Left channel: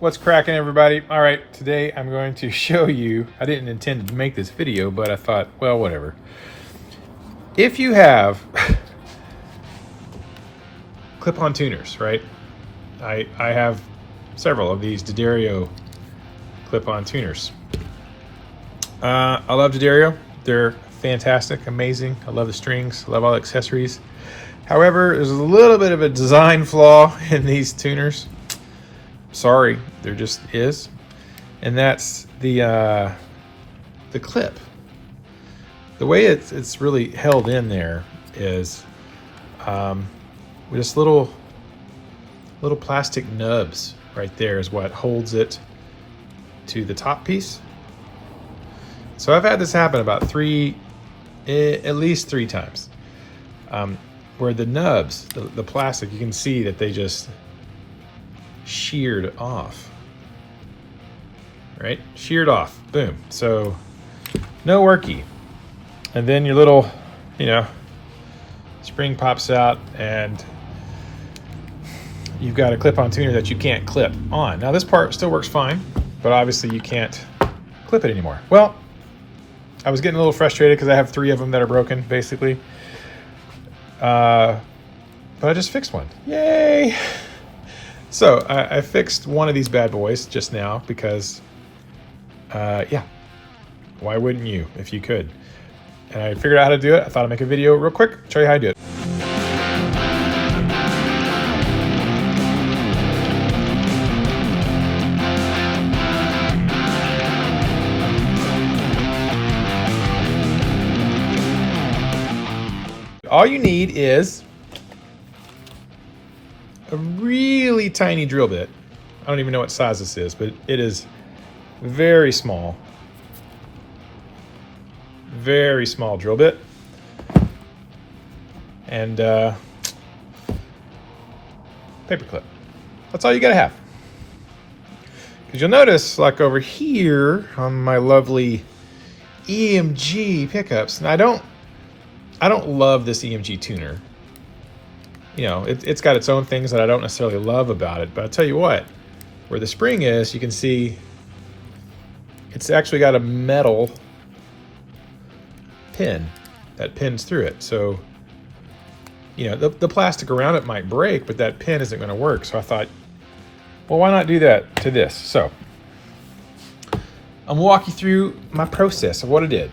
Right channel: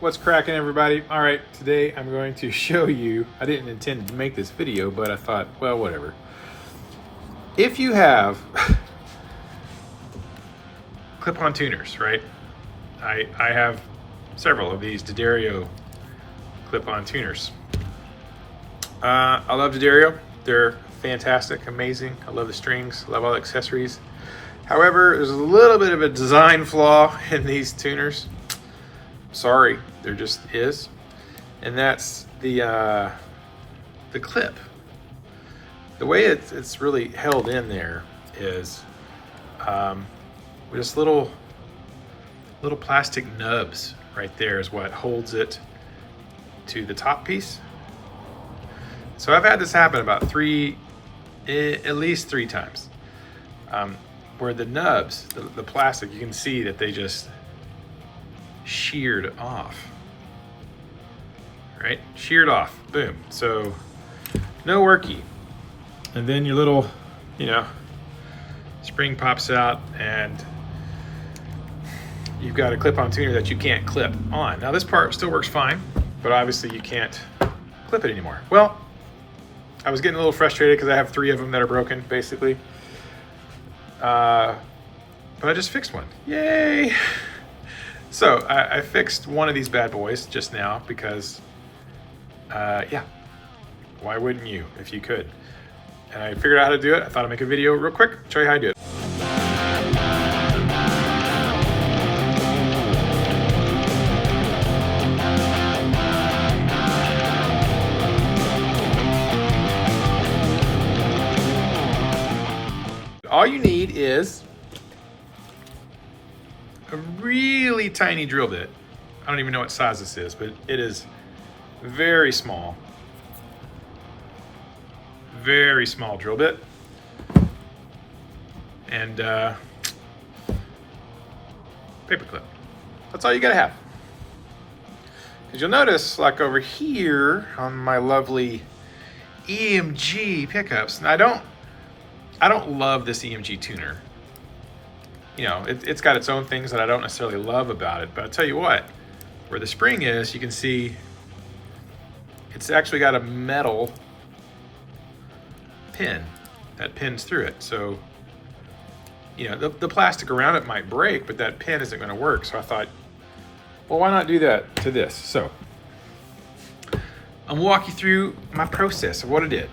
What's cracking, everybody? All right, today I'm going to show you, I didn't intend to make this video, but I thought, well, whatever. If you have clip-on tuners, right? I have several of these D'Addario clip-on tuners. I love D'Addario. They're fantastic, amazing. I love the strings, I love all the accessories. However, there's a little bit of a design flaw in these tuners. Sorry, there just is, and that's the clip. The way it's really held in there is just little plastic nubs right there is what holds it to the top piece. So I've had this happen about at least three times, where the nubs, the plastic, you can see that they just sheared off, right? Sheared off, boom. So no worky. And then your little, spring pops out and you've got a clip-on tuner that you can't clip on. Now this part still works fine, but obviously you can't clip it anymore. Well, I was getting a little frustrated because I have three of them that are broken, basically. But I just fixed one. Yay! So I fixed one of these bad boys just now because, yeah, why wouldn't you if you could? And I figured out how to do it. I thought I'd make a video real quick, show you how to do it. All you need is a really tiny drill bit. I don't even know what size this is, but it is very small. Very small drill bit. And paper clip. That's all you gotta have. Because you'll notice, like over here on my lovely EMG pickups, and I don't love this EMG tuner. It's got its own things that I don't necessarily love about it, but I'll tell you what, where the spring is, you can see it's actually got a metal pin that pins through it. So, the plastic around it might break, but that pin isn't going to work. So I thought, well, why not do that to this? So I'm gonna walk you through my process of what I did.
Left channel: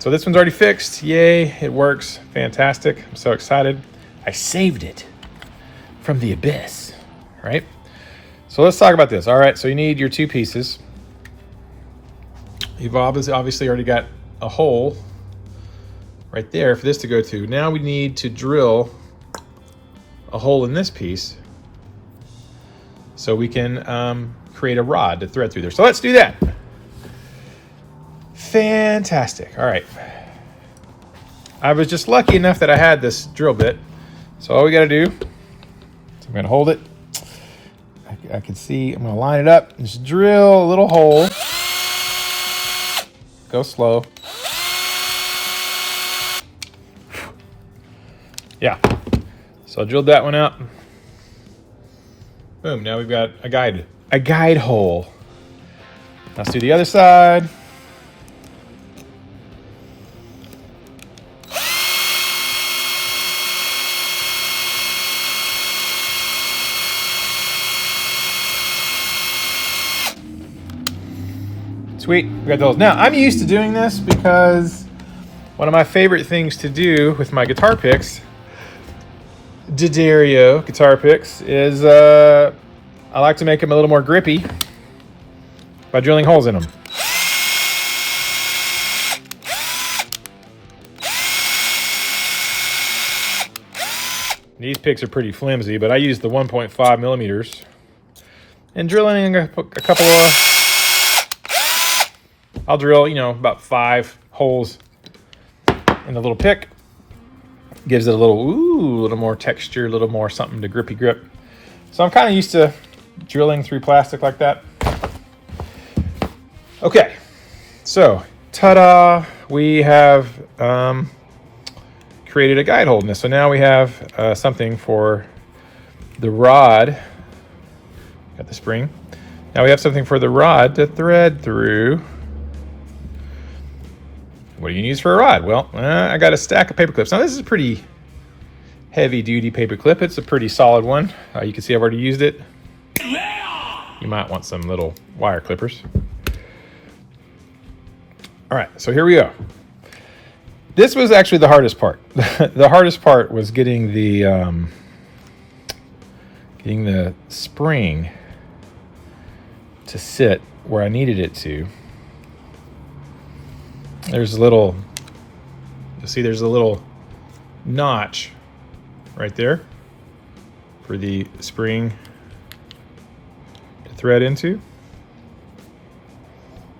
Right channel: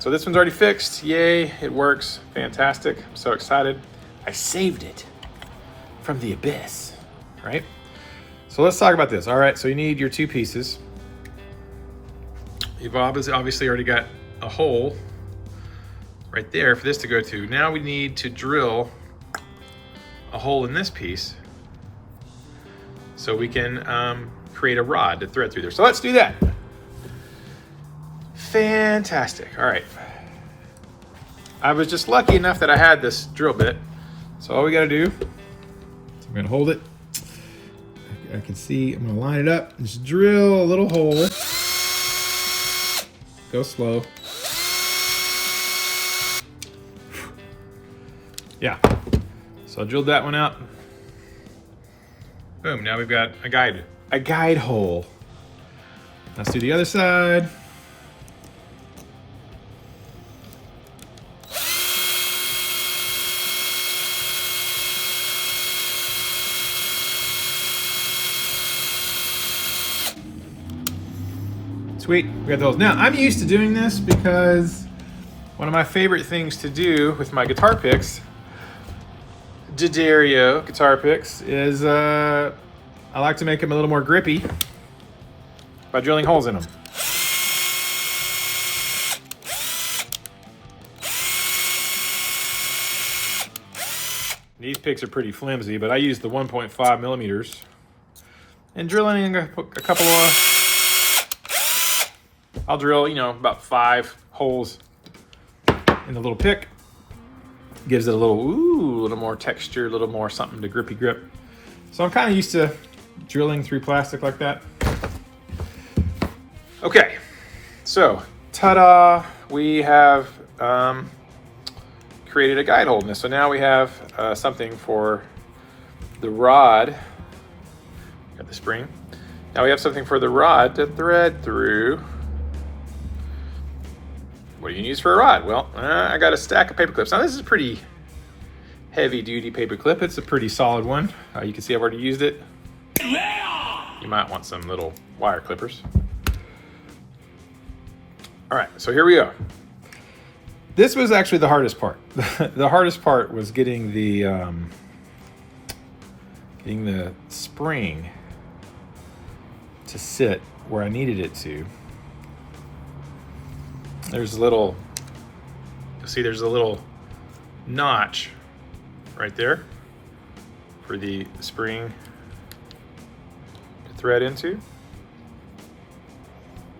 So this one's already fixed. Yay, it works. Fantastic. I'm so excited. I saved it from the abyss, right? So let's talk about this. All right, so you need your two pieces. You've obviously already got a hole right there for this to go to. Now we need to drill a hole in this piece so we can create a rod to thread through there. So let's do that. Fantastic. All right. I was just lucky enough that I had this drill bit. So all we got to do, I'm going to hold it. I can see, I'm going to line it up. Just drill a little hole. Go slow. Yeah. So I drilled that one out. Boom. Now we've got a guide hole. Let's do the other side. Sweet, we got those. Now, I'm used to doing this because one of my favorite things to do with my guitar picks, D'Addario guitar picks, is I like to make them a little more grippy by drilling holes in them. These picks are pretty flimsy, but I use the 1.5 millimeters. And drilling a couple of, I'll drill, about 5 holes in the little pick. Gives it a little more texture, a little more something to grippy grip. So I'm kind of used to drilling through plastic like that. Okay, so ta-da, we have created a guide hole in this. So now we have something for the rod at the spring. Now we have something for the rod to thread through. What do you use for a rod? Well, I got a stack of paper clips. Now this is a pretty heavy duty paper clip. It's a pretty solid one. You can see I've already used it. You might want some little wire clippers. All right, so here we go. This was actually the hardest part. The hardest part was getting the spring to sit where I needed it to. There's a little, you'll see there's a little notch right there for the spring to thread into.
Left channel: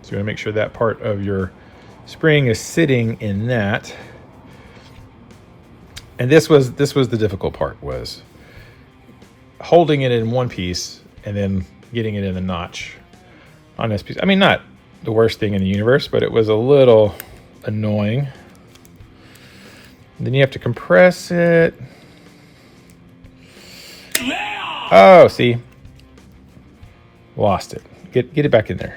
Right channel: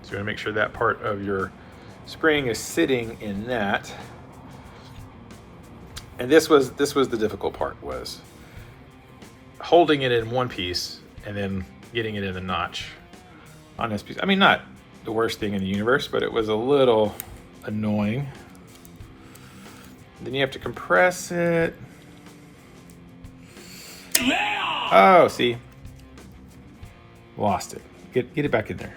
So you're gonna make sure that part of your spring is sitting in that. And this was the difficult part, was holding it in one piece and then getting it in the notch on this piece. I mean, not the worst thing in the universe, but it was a little annoying. Then you have to compress it. Oh, see? Lost it. Get it back in there.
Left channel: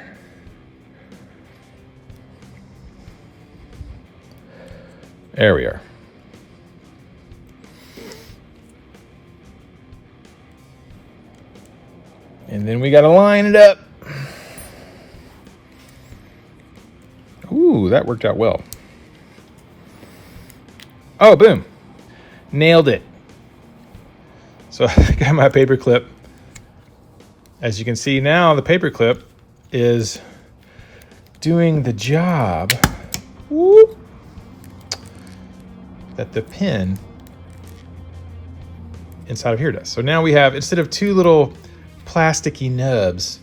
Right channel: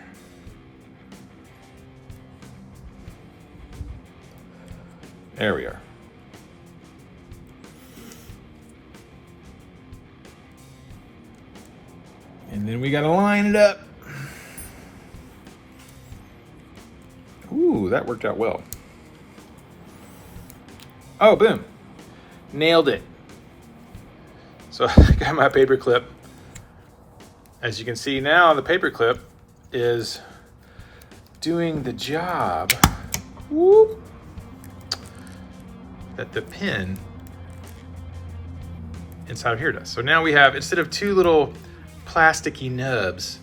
There we are. And then we gotta line it up. Ooh, that worked out well. Oh, boom. Nailed it. So I got my paper clip. As you can see now, the paper clip is doing the job that the pin inside of here does. So now we have, instead of two little plasticky nubs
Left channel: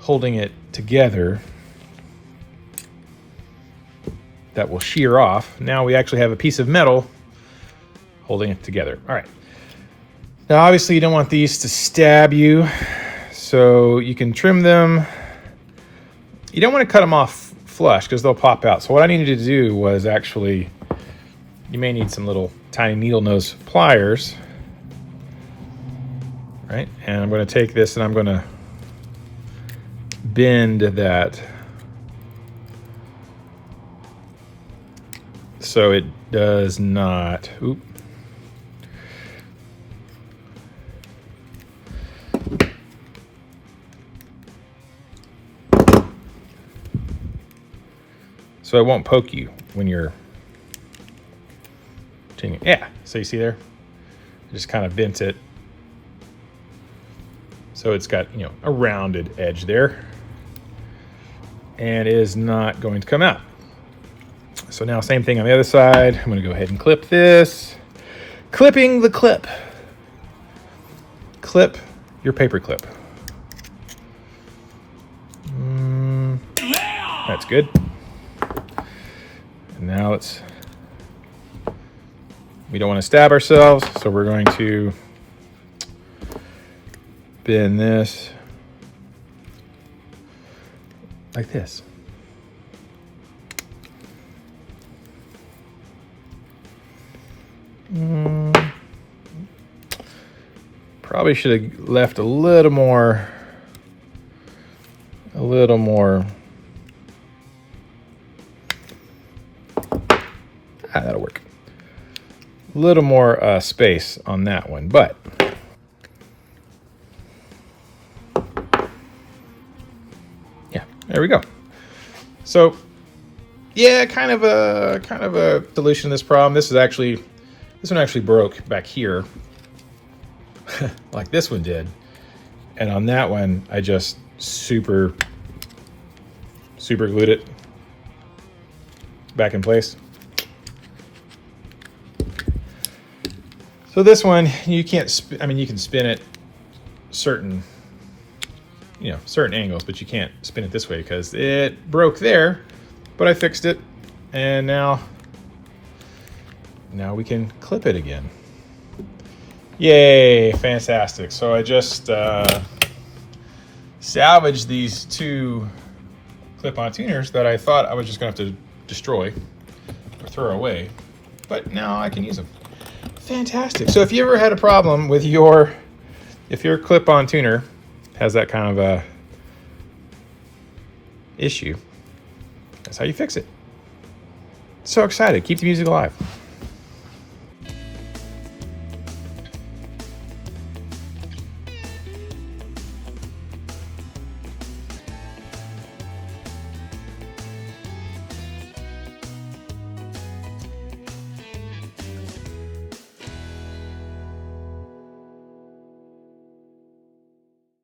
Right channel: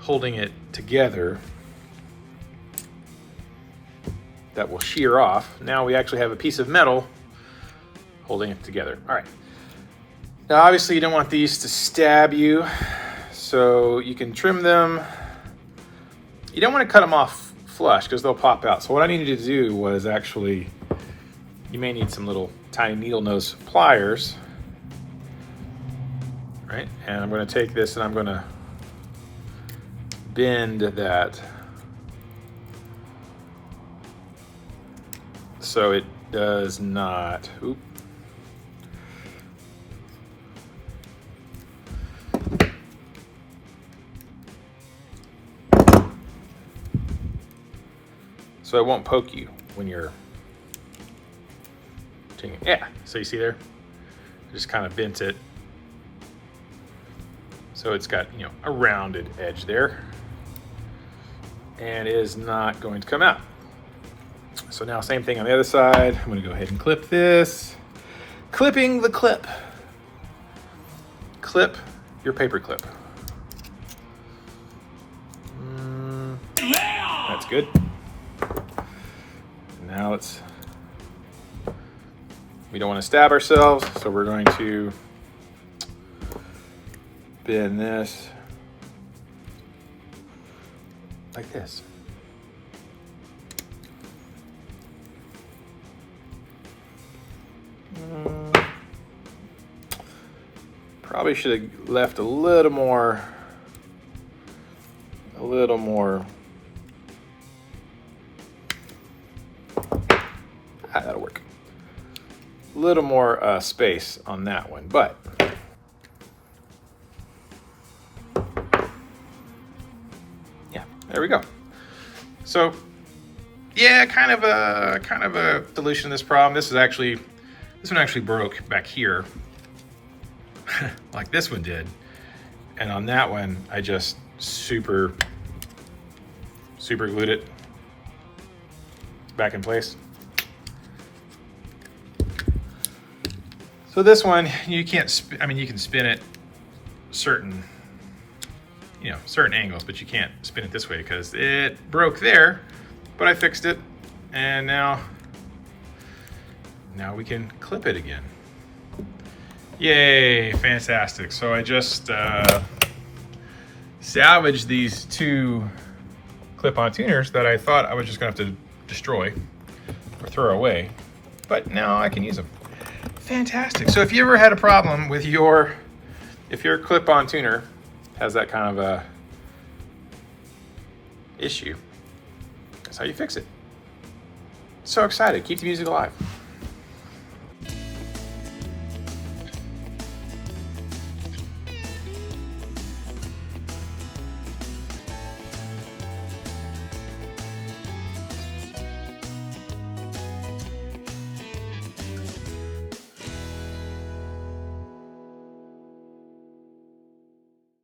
holding it together that will shear off, now we actually have a piece of metal holding it together. All right. Now obviously you don't want these to stab you, so you can trim them. You don't want to cut them off flush because they'll pop out. So what I needed to do was actually, you may need some little tiny needle nose pliers, right? And I'm going to take this and I'm going to bend that so it does not, so it won't poke you when you're, yeah, so you see there, just kind of bent it. So it's got, you know, a rounded edge there, and it is not going to come out. So now same thing on the other side. I'm gonna go ahead and clip this. Clipping the clip. Clip your paper clip. That's good. Now let's, we don't want to stab ourselves, so we're going to bend this like this. Probably should have left a little more. That'll work. A little more space on that one, but yeah, there we go. So yeah, kind of a solution to this problem. This one actually broke back here, like this one did, and on that one I just super glued it back in place. So this one, you can't, I mean, you can spin it certain angles, but you can't spin it this way because it broke there, but I fixed it, and now we can clip it again. Yay, fantastic. So I just salvaged these two clip-on tuners that I thought I was just gonna have to destroy or throw away, but now I can use them. Fantastic. So if you ever had a problem with if your clip-on tuner has that kind of a issue, that's how you fix it. So excited. Keep the music alive.